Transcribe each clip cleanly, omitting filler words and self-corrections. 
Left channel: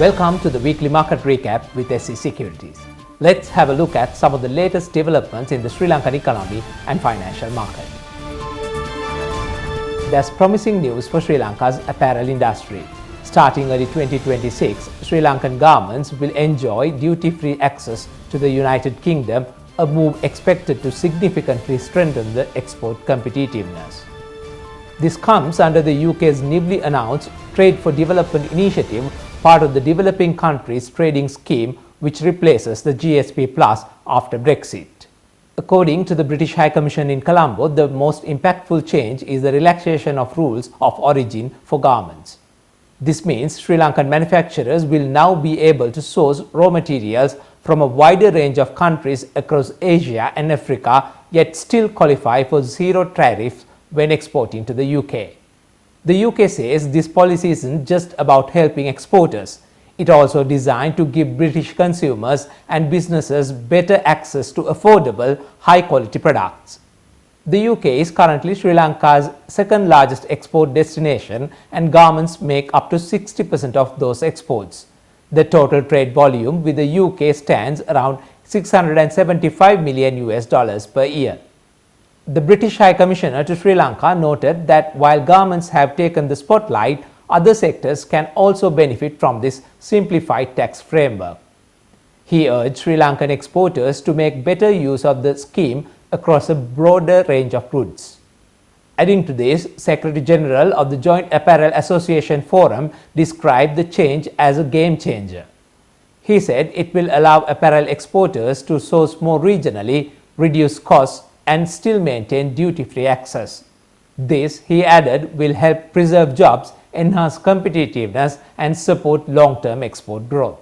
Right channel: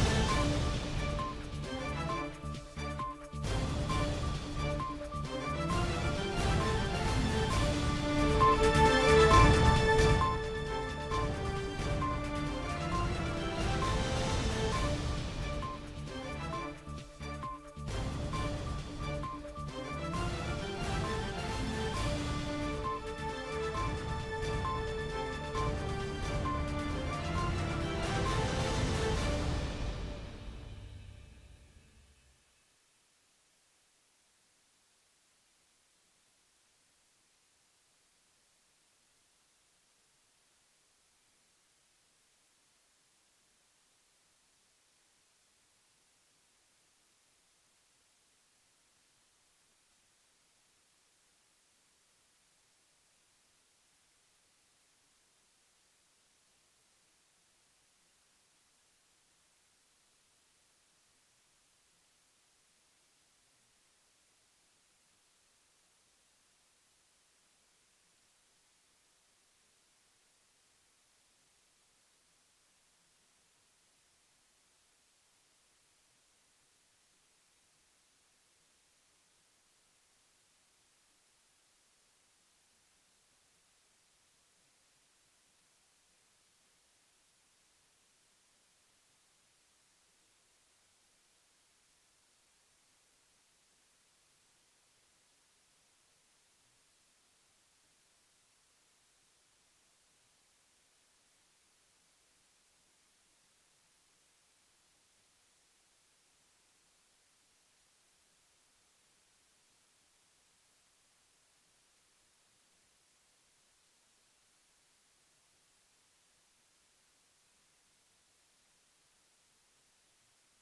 Welcome to the weekly market recap with SC Securities. Let's have a look at some of the latest developments in the Sri Lankan economy and financial market. There's promising news for Sri Lanka's apparel industry. Starting early 2026, Sri Lankan garments will enjoy duty-free access to the United Kingdom, a move expected to significantly strengthen the export competitiveness. This comes under the UK's newly announced Trade for Development initiative, part of the Developing Countries Trading Scheme, which replaces the GSP Plus after Brexit. According to the British High Commission in Colombo, the most impactful change is the relaxation of rules of origin for garments. This means Sri Lankan manufacturers will now be able to source raw materials from a wider range of countries across Asia and Africa, yet still qualify for zero tariffs when exporting to the UK. The UK says this policy isn't just about helping exporters. It also designed to give British consumers and businesses better access to affordable, high-quality products. The UK is currently Sri Lanka's second largest export destination, and garments make up to 60% of those exports. The total trade volume with the UK stands around $675 million per year. The British High Commissioner to Sri Lanka noted that while garments have taken the spotlight, other sectors can also benefit from this simplified tax framework. He urged Sri Lankan exporters to make better use of the scheme across a broader range of goods. Adding to this, Secretary General of the Joint Apparel Association Forum described the change as a game changer. He said it will allow apparel exporters to source more regionally, reduce costs, and still maintain duty-free access. This, he added, will help preserve jobs, enhance competitiveness, and support long-term export growth.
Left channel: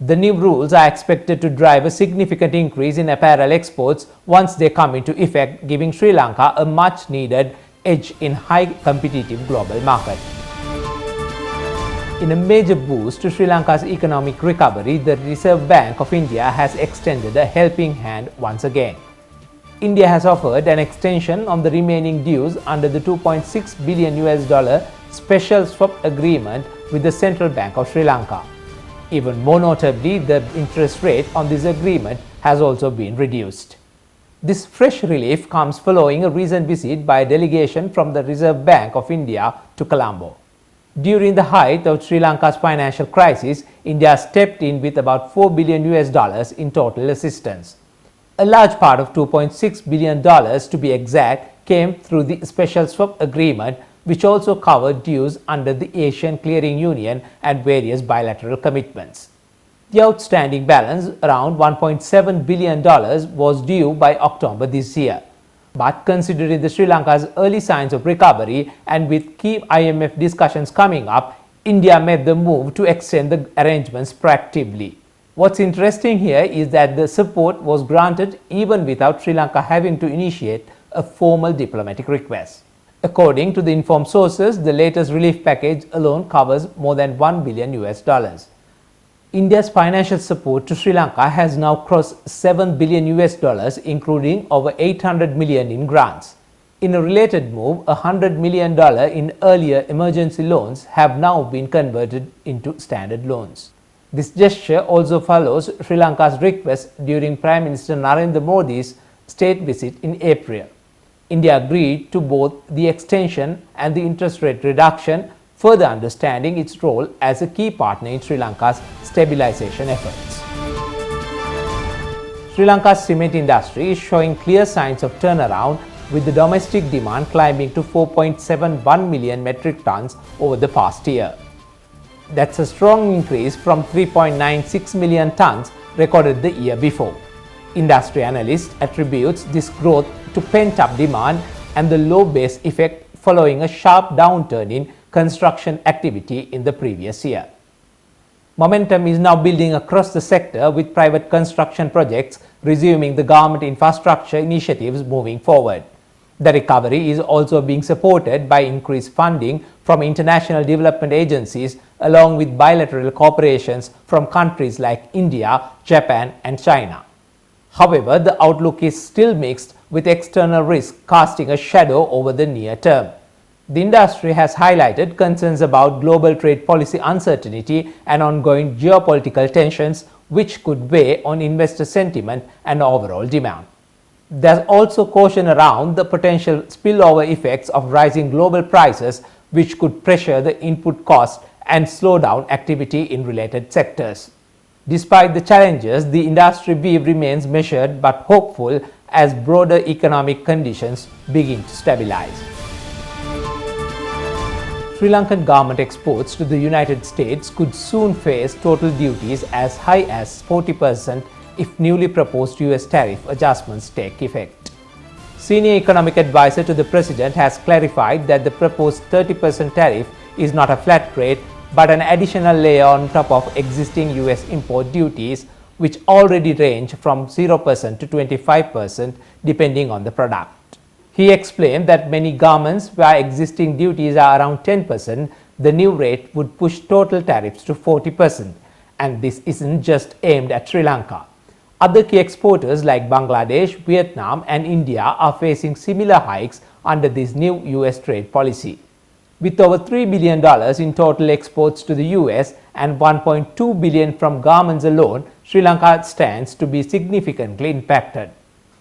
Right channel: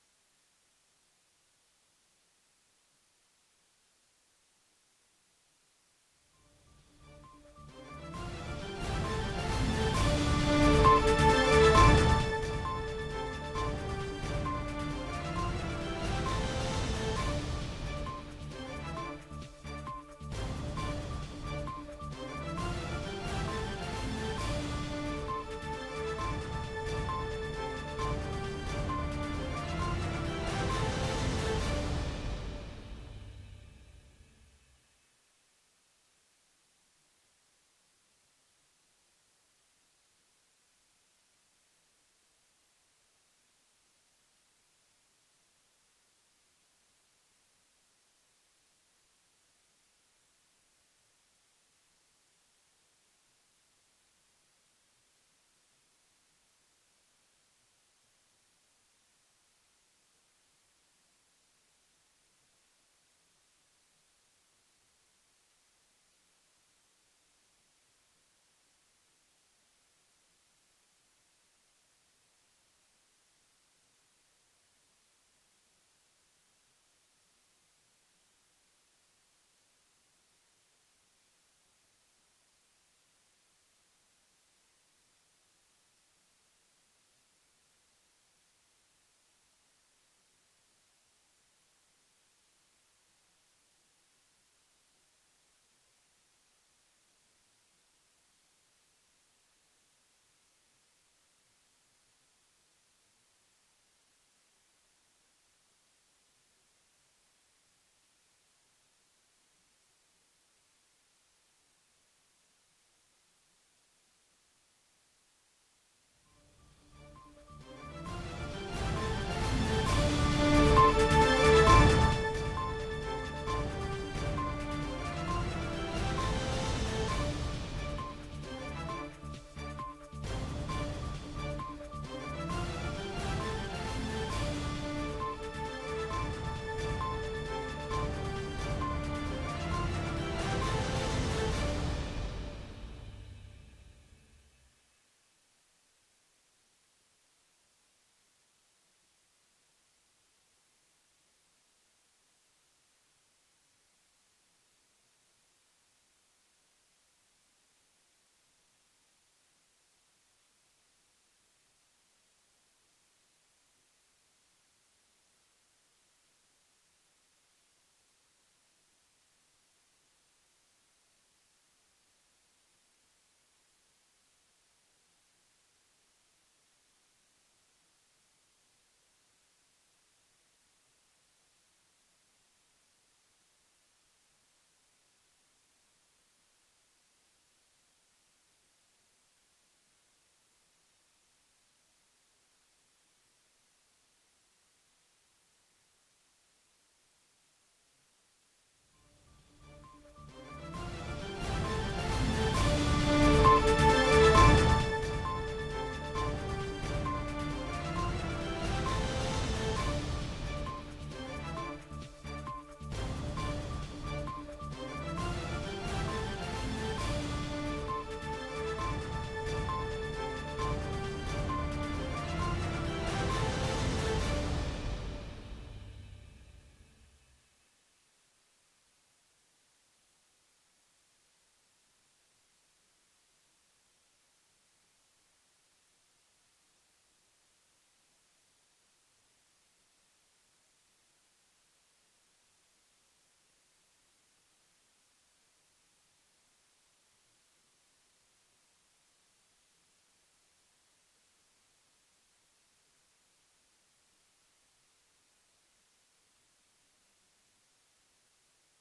The new rules are expected to drive a significant increase in apparel exports once they come into effect, giving Sri Lanka a much-needed edge in high competitive global market. In a major boost to Sri Lanka's economic recovery, the Reserve Bank of India has extended a helping hand once again. India has offered an extension on the remaining dues under the $2.6 billion special swap agreement with the Central Bank of Sri Lanka. Even more notably, the interest rate on this agreement has also been reduced. This fresh relief comes following a recent visit by a delegation from the Reserve Bank of India to Colombo. During the height of Sri Lanka's financial crisis, India stepped in with about $4 billion in total assistance. A large part of $2.6 billion, to be exact, came through the special swap agreement, which also covered dues under the Asian Clearing Union and various bilateral commitments. The outstanding balance, around $1.7 billion, was due by October this year. But considering the Sri Lanka's early signs of recovery and with key IMF discussions coming up, India made the move to extend the arrangements proactively. What's interesting here is that the support was granted even without Sri Lanka having to initiate a formal diplomatic request. According to the informed sources, the latest relief package alone covers more than $1 billion. India's financial support to Sri Lanka has now crossed $7 billion, including over $800 million in grants. In a related move, $100 million in earlier emergency loans have now been converted into standard loans. This gesture also follows Sri Lanka's request during Prime Minister Narendra Modi's state visit in April. India agreed to both the extension and the interest rate reduction, further understanding its role as a key partner in Sri Lanka's stabilization efforts. Sri Lanka's cement industry is showing clear signs of turnaround, with the domestic demand climbing to 4.71 million metric tons over the past year. That's a strong increase from 3.96 million tons recorded the year before. Industry analysts attribute this growth to pent-up demand and the low base effect following a sharp downturn in construction activity in the previous year. Momentum is now building across the sector, with private construction projects resuming, the government infrastructure initiatives moving forward. The recovery is also being supported by increased funding from international development agencies, along with bilateral cooperations from countries like India, Japan, and China. However, the outlook is still mixed, with external risk casting a shadow over the near term. The industry has highlighted concerns about global trade policy uncertainty and ongoing geopolitical tensions, which could weigh on investor sentiment and overall demand. There's also caution around the potential spillover effects of rising global prices, which could pressure the input cost and slow down activity in related sectors. Despite the challenges, the industry view remains measured but hopeful as broader economic conditions begin to stabilize. Sri Lankan garment exports to the United States could soon face total duties as high as 40% if newly proposed US tariff adjustments take effect. Senior economic advisor to the president has clarified that the proposed 30% tariff is not a flat rate but an additional layer on top of existing US import duties, which already range from 0% to 25% depending on the product. He explained that many garments where existing duties are around 10%, the new rate would push total tariffs to 40%, and this isn't just aimed at Sri Lanka. Other key exporters like Bangladesh, Vietnam and India are facing similar hikes under this new US trade policy. With over $3 billion in total exports to the US and $1.2 billion from garments alone, Sri Lanka stands to be significantly impacted.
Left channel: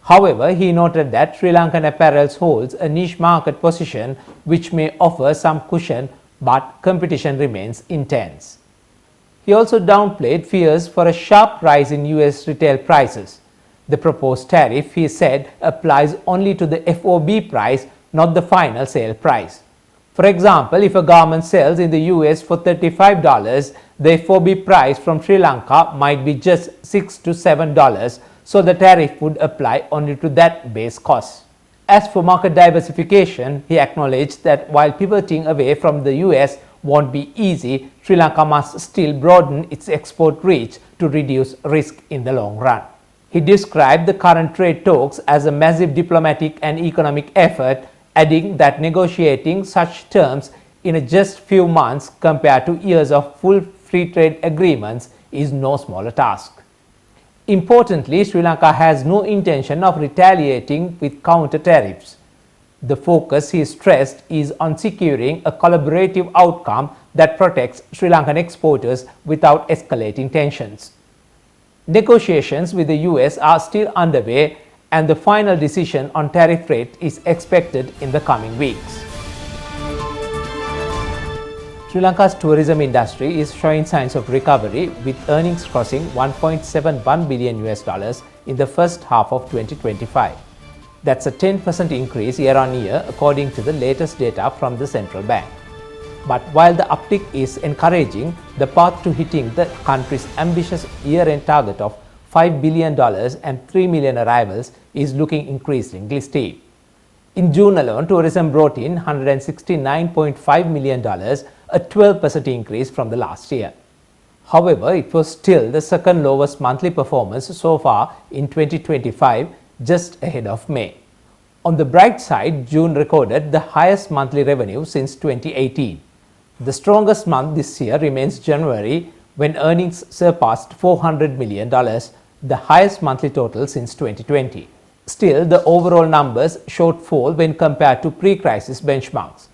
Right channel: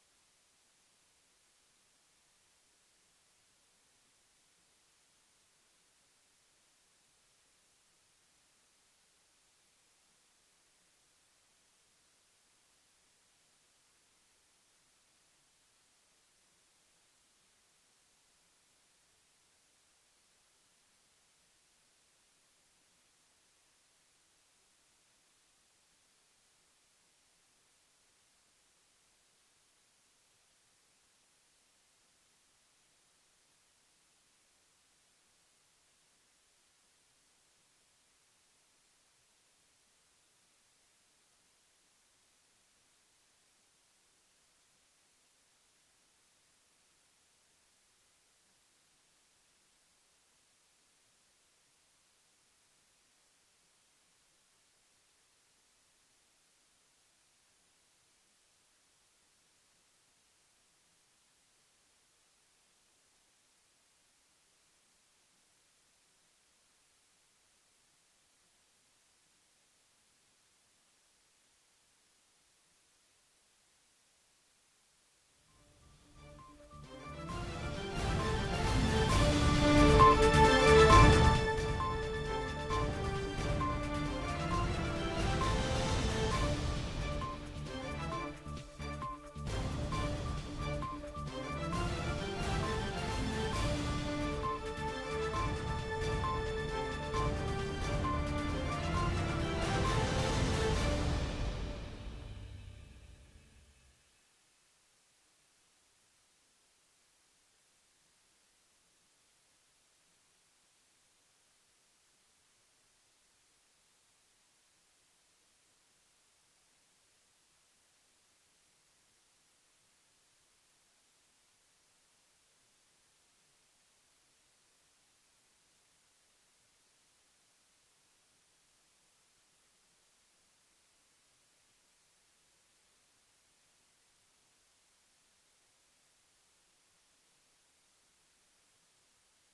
However, he noted that Sri Lankan apparel holds a niche market position which may offer some cushion, but competition remains intense. He also downplayed fears for a sharp rise in US retail prices. The proposed tariff, he said, applies only to the FOB price, not the final sale price. For example, if a garment sells in the US for $35, the FOB price from Sri Lanka might be just $6 to $7, so the tariff would apply only to that base cost. As for market diversification, he acknowledged that while pivoting away from the US won't be easy, Sri Lanka must still broaden its export reach to reduce risk in the long run. He described the current trade talks as a massive diplomatic and economic effort, adding that negotiating such terms in just few months compared to years of full free trade agreements is no smaller task. Importantly, Sri Lanka has no intention of retaliating with counter tariffs. The focus, he stressed, is on securing a collaborative outcome that protects Sri Lankan exporters without escalating tensions. Negotiations with the US are still underway, and the final decision on tariff rate is expected in the coming weeks. Sri Lanka's tourism industry is showing signs of recovery, with earnings crossing $1.71 billion in the first half of 2025. That's a 10% increase year on year according to the latest data from the central bank. But while the uptick is encouraging, the path to hitting the country's ambitious year-end target of $5 billion and 3 million arrivals is looking increasingly steep. In June alone, tourism brought in $169.5 million, a 12% increase from the last year. However, it was still the second lowest monthly performance so far in 2025, just ahead of May. On the bright side, June recorded the highest monthly revenue since 2018. The strongest month this year remains January, when earnings surpassed $400 million, the highest monthly total since 2020. Still, the overall numbers showed fall when compared to pre-crisis benchmarks.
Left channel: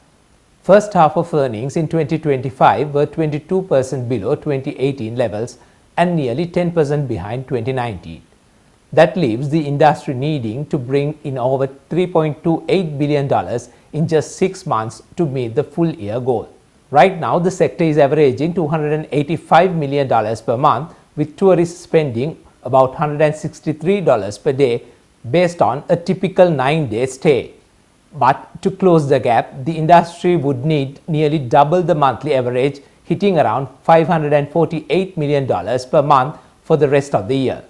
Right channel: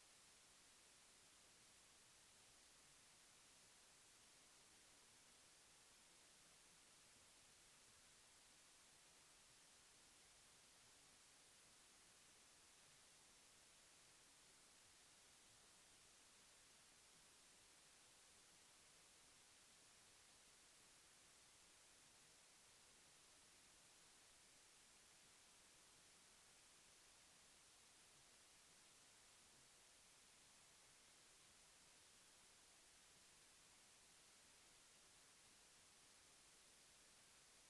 First half of earnings in 2025 were 22% below 2018 levels and nearly 10% behind 2019. That leaves the industry needing to bring in over $3.28 billion in just 6 months to meet the full year goal. Right now, the sector is averaging $285 million per month, with tourists spending about $163 per day based on a typical 9-day stay. But to close the gap, the industry would need nearly double the monthly average, hitting around $548 million per month for the rest of the year.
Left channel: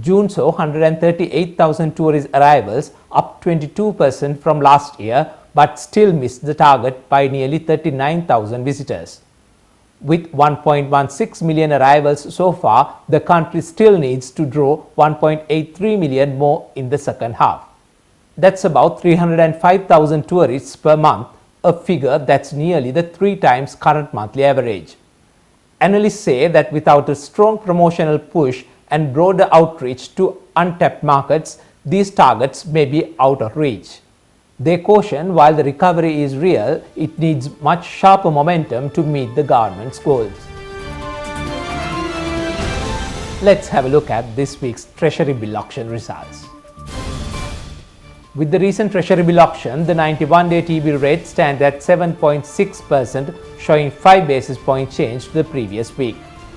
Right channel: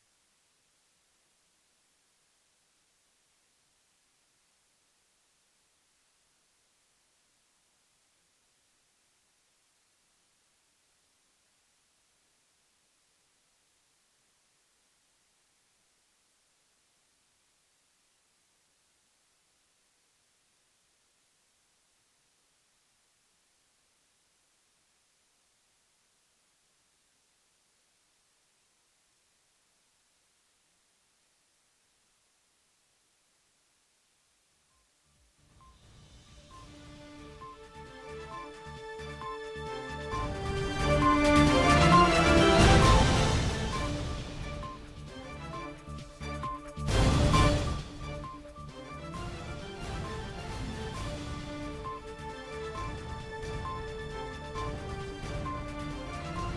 June saw 138,000 tourist arrivals, up 22% from last year, but still missed the target by nearly 39,000 visitors. With 1.16 million arrivals so far, the country still needs to draw 1.83 million more in the second half. That's about 305,000 tourists per month, a figure that's nearly the 3 times current monthly average. Analysts say that without a strong promotional push and broader outreach to untapped markets, these targets may be out of reach. They caution while the recovery is real, it needs much sharper momentum to meet the government's goals. Let's have a look at this week's Treasury Bill auction results. With the recent Treasury Bill auction, the 91-day T-bill rate stands at 7.6%, showing 5 basis point change to the previous week.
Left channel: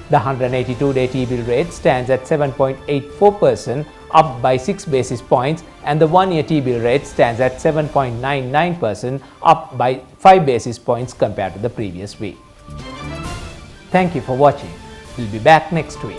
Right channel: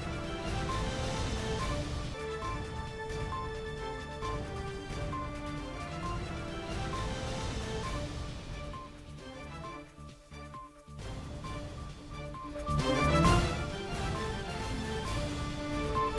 The 182-day T-bill rate stands at 7.84%, up by 6 basis points, and the 1-year T-bill rate stands at 7.99%, up by 5 basis points compared to the previous week. Thank you for watching. We'll be back next week.